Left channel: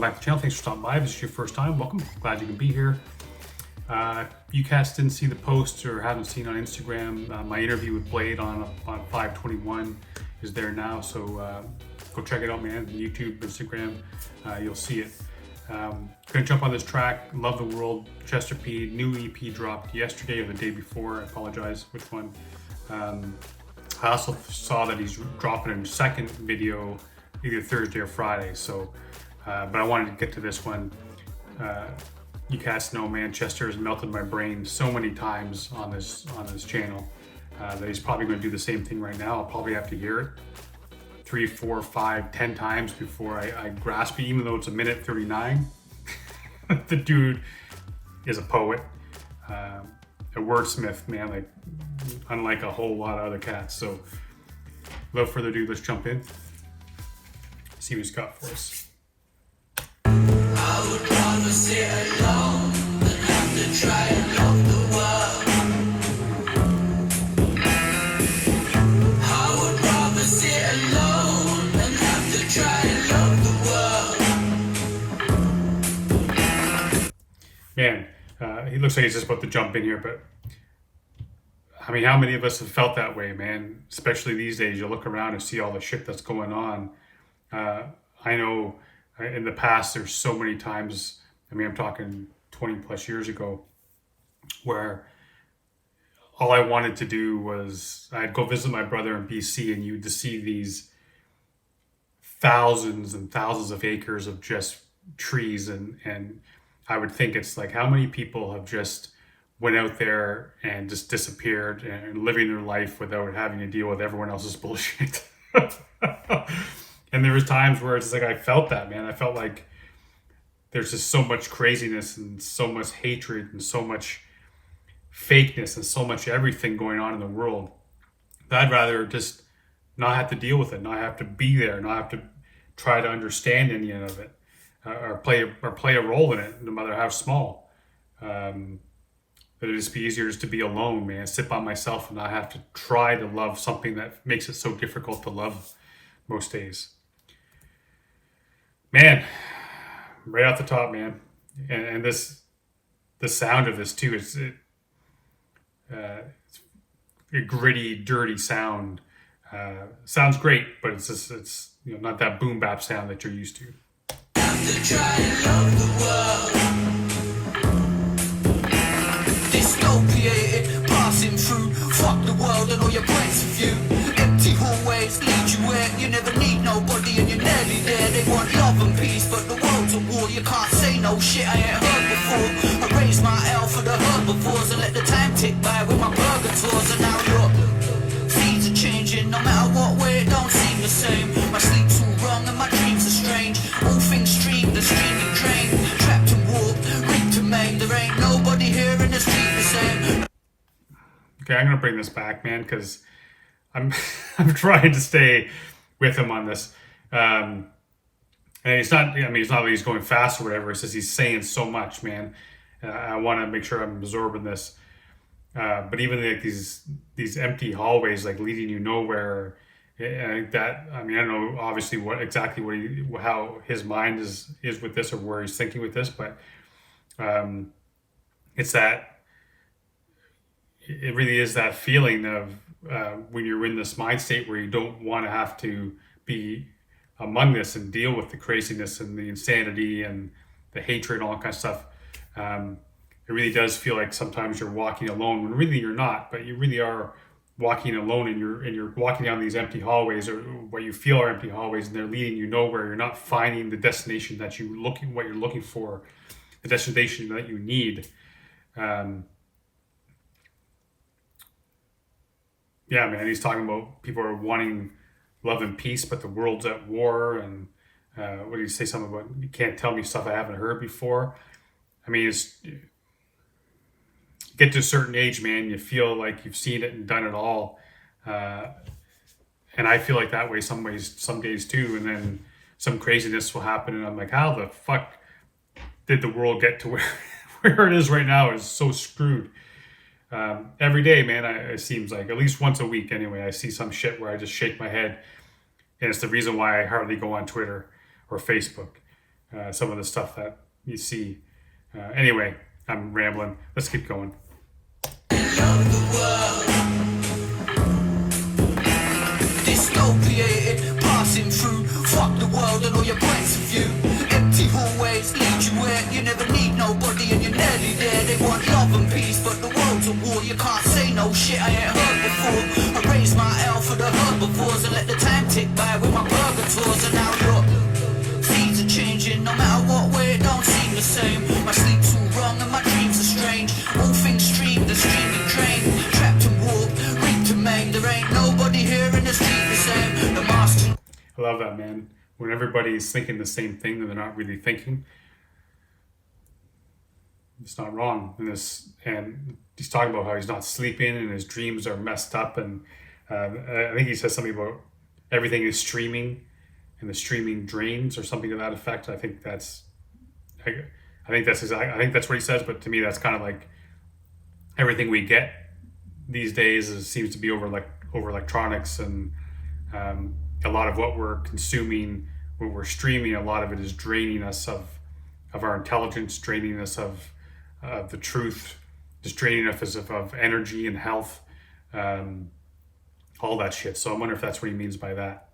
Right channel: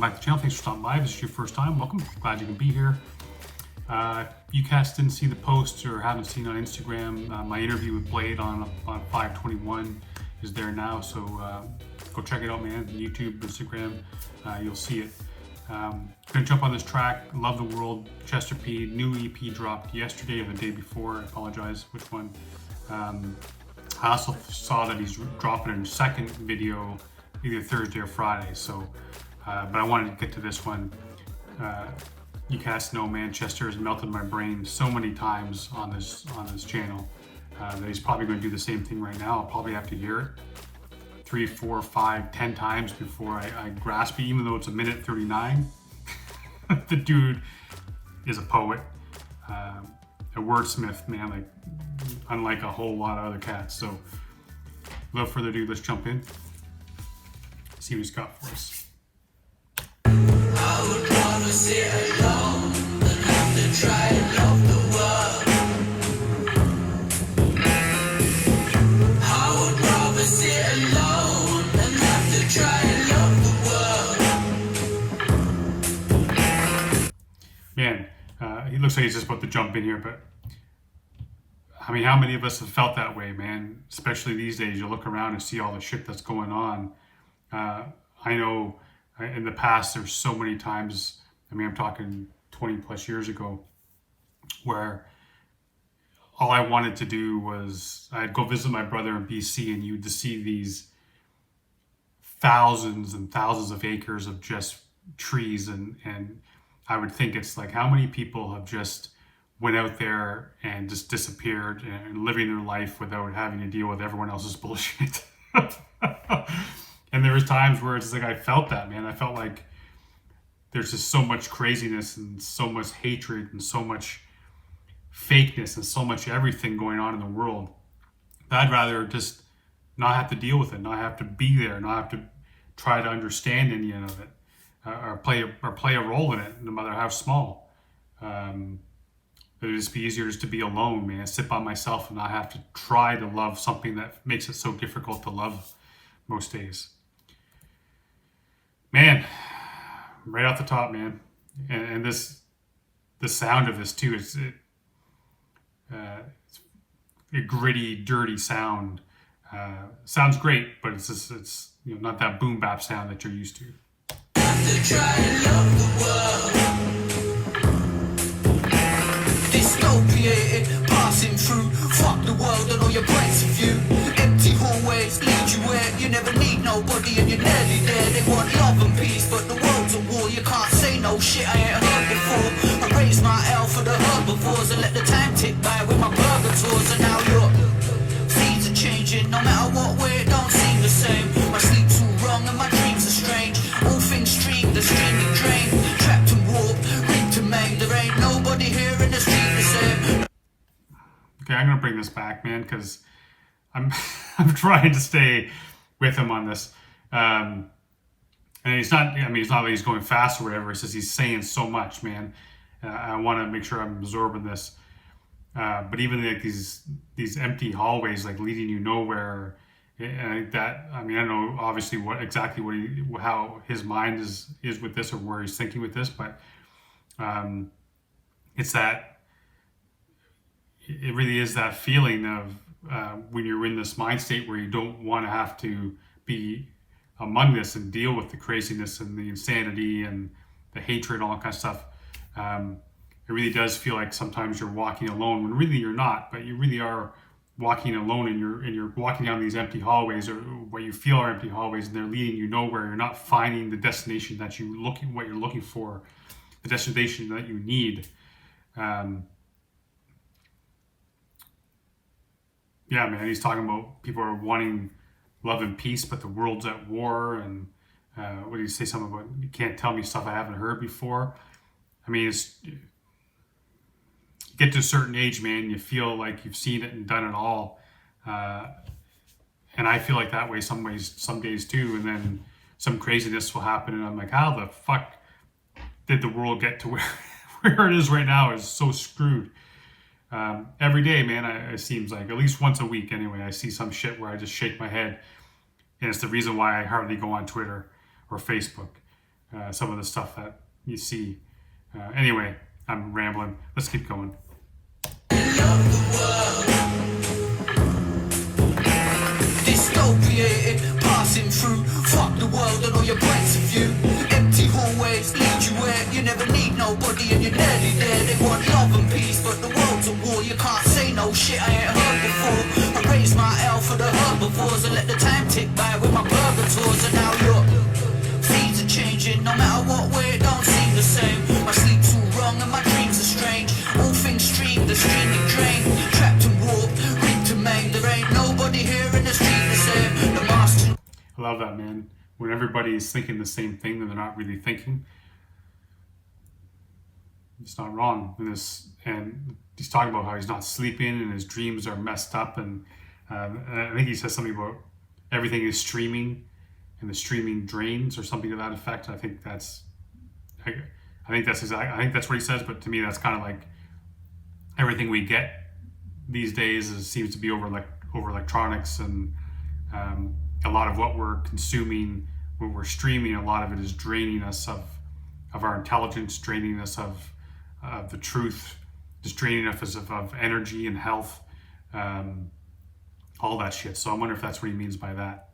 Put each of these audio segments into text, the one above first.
welcome back to the channel. Thanks for stopping by. If this is your first time, welcome. Glad you can be here. You cats didn't see the post or haven't seen on Instagram, my interview with Blade on 521 is there now, so go check it out, man. YouTube, Instagram, you'll see it. Gonna jump on this track, Love The World, Chester.p, new EP dropped yesterday or the day before, I apologize which one. I also saw that he's dropping a second video either Thursday or Friday, so but I wanted to get to this one. You cats know, man, Chester has melted my brain so many times on this channel that he's probably going to do the same thing right now. I'll probably have to hear it 3, 4, 5, 10 times before I grasp it, even though it's a minute 39. The dude is a poet, a wordsmith, man, like unlike a whole lot of other cats. So without further ado, let's jump in, see what he's got for us. I would rather sit alone than have to try and love the world. I would rather sit alone than have to try and love the world. Man, he looks like he's just about to jump in here, but I mean, how many of us have felt that way, man? Especially these days, you look around and see all the shit that's going on. I know in the past, there's so many times, I mean, I'm talking 20 plus years ago, where all I wanted to do was, I'd go visit my brother in BC, and you'd see these thousands and thousands of acres of just trees, and I would think it's like, how many people have just went out there and just disappeared and living their life without having to deal with everyone else's bullshit. And there was times where it's just like, I felt that, man. I felt like there's just so much craziness and so much hatred and so much fakeness and so much everything going on in the world that I'd rather just not have to deal with it, not have to be there, not have to try to understand any of it, or play a role in it, no matter how small. It'd just be easier just to be alone, man, sit by myself and not have to try to love something that makes it so difficult to love most days. Man, right off the top, man, and the sound of this too, it's a gritty, dirty sound. Sounds great, but it's you know, not that boom bap sound that you're used to. Have to try and love the world. Dystopiated, passing through. Fuck the world and all your points of view. Empty hallways lead you where you never need nobody and you're nearly there. They want love and peace, but the world's a war. You can't say no shit I ain't heard before. I raised my L for the herbivores and let the time tick by with my burger tours. And now your feeds are changing. No matter what way, it don't seem the same. My sleep's all wrong and my dreams are strange. All things stream, the stream and drain. Trapped and warped, ripped and maimed. There ain't nobody here in the street the same. Okay, I'm gonna bring this back, man, because I'm trying to stay with him on this. And it's not, I mean, it's not like he's going fast or whatever. It's just he's saying so much, man. I want to make sure I'm absorbing this. But even like these empty hallways, like leading you nowhere, that, I mean, I don't know obviously how his mind is with this or where he's thinking with this, but it's that, it really is that feeling of when you're in this mind state where you don't want to have to be among this and deal with the craziness and the insanity and the hatred and all that kind of stuff. It really does feel like sometimes you're walking alone when really you're not, but you really are walking alone, and you're walking down these empty hallways, or what you feel are empty hallways, and they're leading you nowhere. You're not finding the destination that what you're looking for, the destination that you need. Yeah, man, he's talking about people are wanting love and peace, but the world's at war. And what did he say? Something about, you can't tell me stuff I haven't heard before. I mean, it's, get to a certain age, man, you feel like you've seen it and done it all. And I feel like that way some days too. And then some craziness will happen, and I'm like, how the fuck did the world get to where it is right now? It's so screwed. Every day, man, it seems like at least once a week anyway, I see some shit where I just shake my head, and it's the reason why I hardly go on Twitter or Facebook. some of the stuff that you see. Anyway, I'm rambling. Let's keep going. Dystopiated, passing through. Fuck the world and all your points of view. Empty hallways lead you where you never need nobody and you're nearly there. They want love and peace, but the world's a war. You can't say no shit I ain't heard before. I raise my L for the herbivores and let the time tick by with my purgators. And now look, feeds are changing. No matter what way, it don't seem the same. My sleep's all wrong and my dreams are strange. All things stream, the streaming drain. Trapped and warped, ripped and maimed. There ain't nobody here in the street the same. The master. I love that, man. When everybody's thinking the same thing and they're not really thinking, it's not wrong. And he's talking about how he's not sleeping and his dreams are messed up. And I think he says something about everything is streaming and the streaming drains or something to that effect. I think that's what he says. But to me, that's kind of like everything we get these days seems to be over electronics, and a lot of what we're consuming, what we're streaming, a lot of it is draining us of our intelligence, draining us of the truth, just draining us of energy and health, all that shit. So I wonder if that's what he means by that.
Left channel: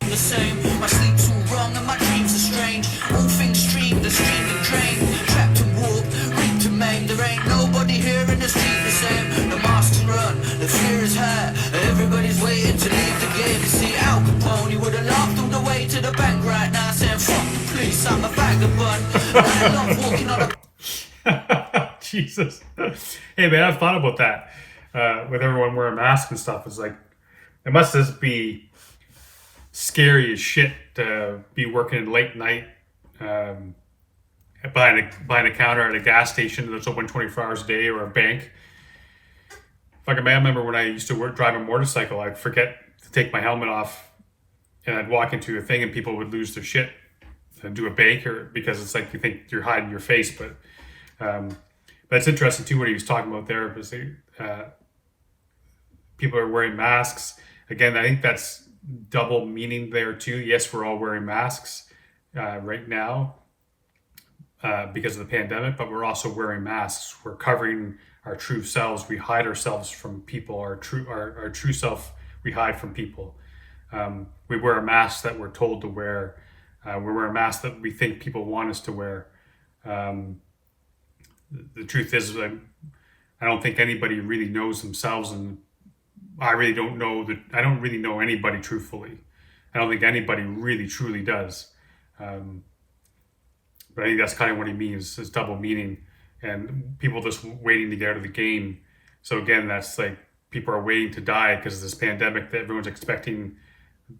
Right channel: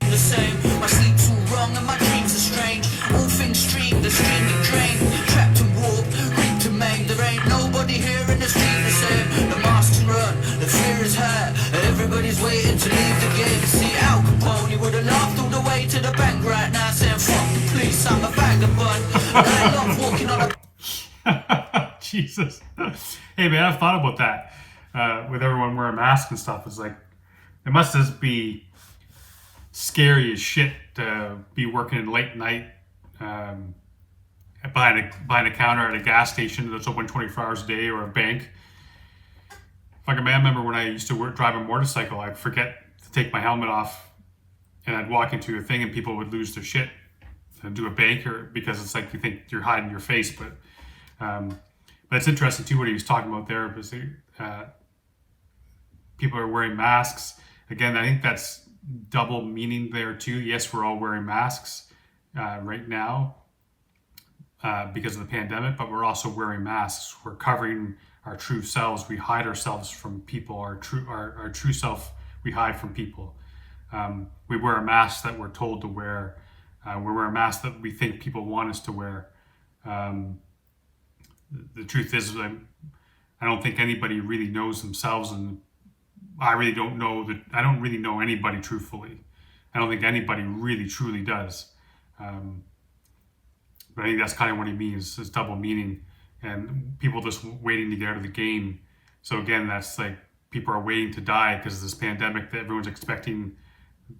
The same, my sleep's all wrong and my dreams are strange. All things stream, the streaming drain. Trapped and warped, ripped and maimed. There ain't nobody here in the street the same. The mask can run, the fear is high. Everybody's waiting to leave the game. See, Al Capone would have laughed all the way to the bank right now, saying fuck the police, I'm a vagabond. And I love walking on a Jesus. Hey man, I've thought about that. With everyone wearing masks and stuff, it's like, it must just be scary as shit to be working late night behind a counter at a gas station that's open 24 hours a day, or a bank. Fucking man, I remember when I used to drive a motorcycle, I'd forget to take my helmet off and I'd walk into a thing and people would lose their shit and do a bank, or because it's like you think you're hiding your face. But it's interesting too what he was talking about there, because people are wearing masks. Again, I think that's double meaning there too. Yes, we're all wearing masks right now because of the pandemic, but we're also wearing masks. We're covering our true selves. We hide ourselves from people. Our true self we hide from people. We wear a mask that we're told to wear. We wear a mask that we think people want us to wear. The truth is, I don't think anybody really knows themselves, and I really don't know that. I don't really know anybody truthfully. I don't think anybody really truly does. But I think that's kind of what he means, is double meaning, and people just waiting to get out of the game. So again, that's like people are waiting to die because of this pandemic that everyone's expecting.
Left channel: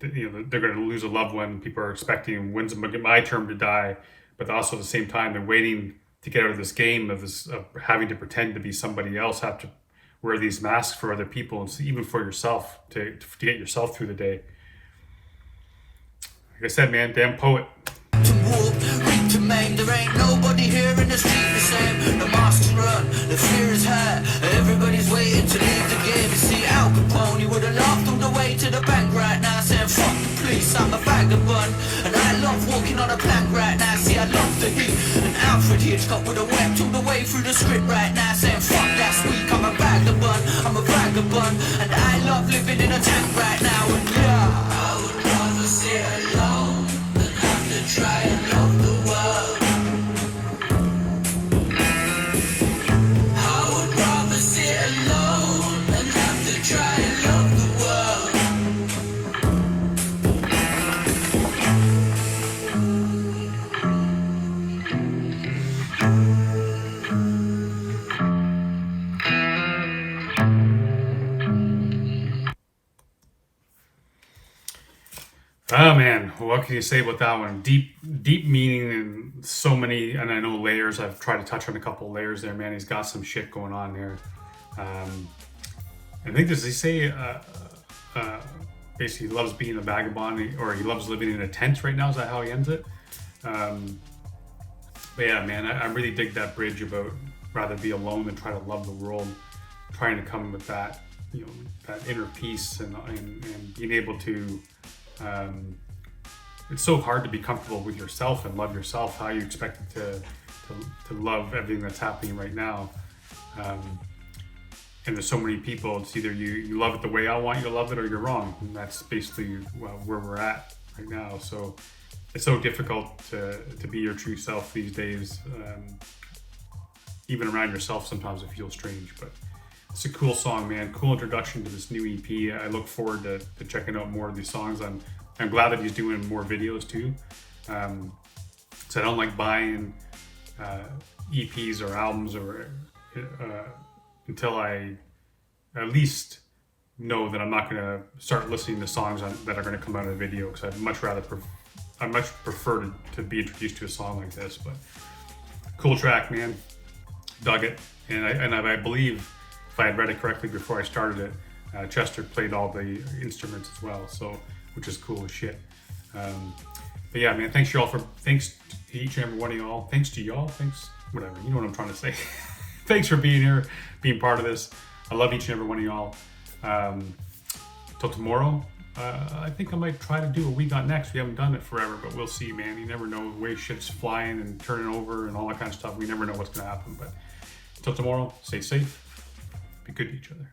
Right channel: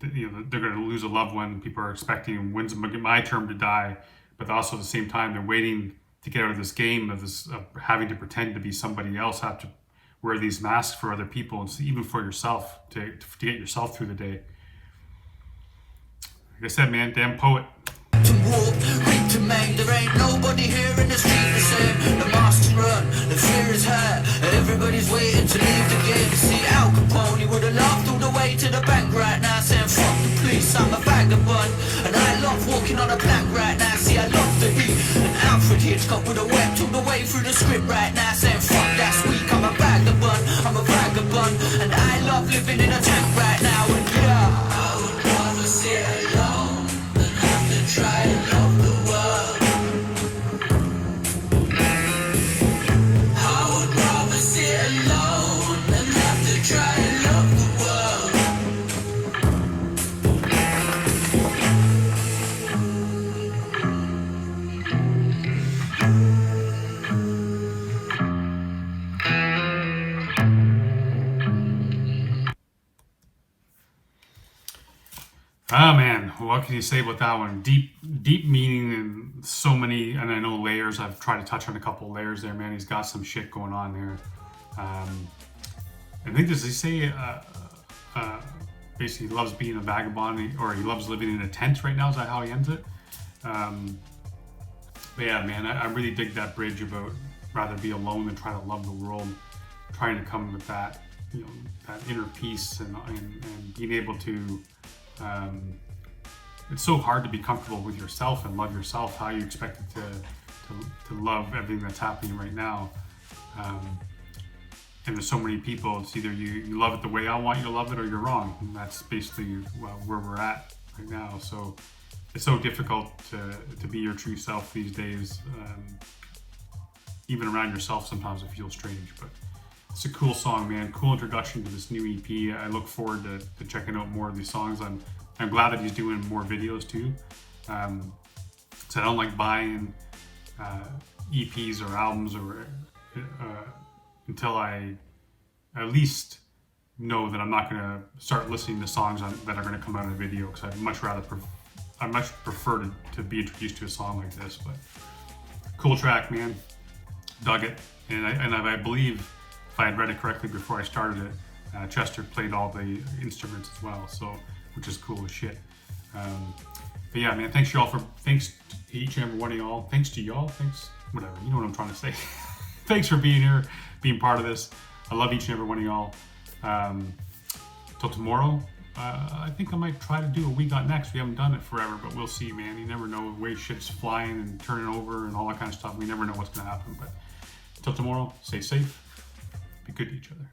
They're going to lose a loved one. People are expecting, when's my term to die? But also at the same time, they're waiting to get out of this game of having to pretend to be somebody else, have to wear these masks for other people, and even for yourself, to get yourself through the day. Like I said, man, damn poet. to walk, ripped to maim. There ain't nobody here in the street the same. The mask can run, the fear is high. Everybody's waiting to leave the game. See, Al Capone would have laughed all the way to the bank right now, saying fuck the police, I'm a vagabond. And I love walking on a plank right now. See, I love the heat. And Alfred Hitchcock would have wept all the way through the script right now, saying fuck that's weak, I'm a vagabond, I'm a vagabond. And I love living in a tank right now. And yeah, I would rather sit alone than have to try and love the world. I would rather sit alone than have to try and love the world. Oh man, what can you say about that one? Deep meaning and so many, and I know layers. I've tried to touch on a couple layers there, man. He's got some shit going on there. I think, does he say basically he loves being a vagabond, or he loves living in a tent right now? Is that how he ends it? But yeah, man, I really dig that bridge about rather be alone than try to love the world, trying to come with that, you know, that inner peace and being able to it's so hard to be comfortable with yourself and love yourself. How you expect it to love everything that's happening right now. And there's so many people, it's either you love it the way I want you to love it, or you're wrong. And that's basically where we're at right now. So it's so difficult to be your true self these days. Even around yourself, sometimes it feels strange, but it's a cool song, man. Cool introduction to this new EP. I look forward to checking out more of these songs. I'm glad that he's doing more videos too. So I don't like buying EPs or albums or until I at least know that I'm not going to start listening to songs that are going to come out of the video, because I'd much prefer to be introduced to a song like this. But cool track, man. Dug it. And I believe, if I had read it correctly before I started it, Chester played all the instruments as well, so which is cool as shit. But yeah, man, thanks to each and every one of y'all. Thanks to y'all. Thanks, whatever. You know what I'm trying to say. Thanks for being here, being part of this. I love each and every one of y'all. Till tomorrow, I think I might try to do what we got next. We haven't done it forever, but we'll see, man. You never know. The way shit's flying and turning over and all that kind of stuff. We never know what's going to happen. But till tomorrow, stay safe. Be good to each other.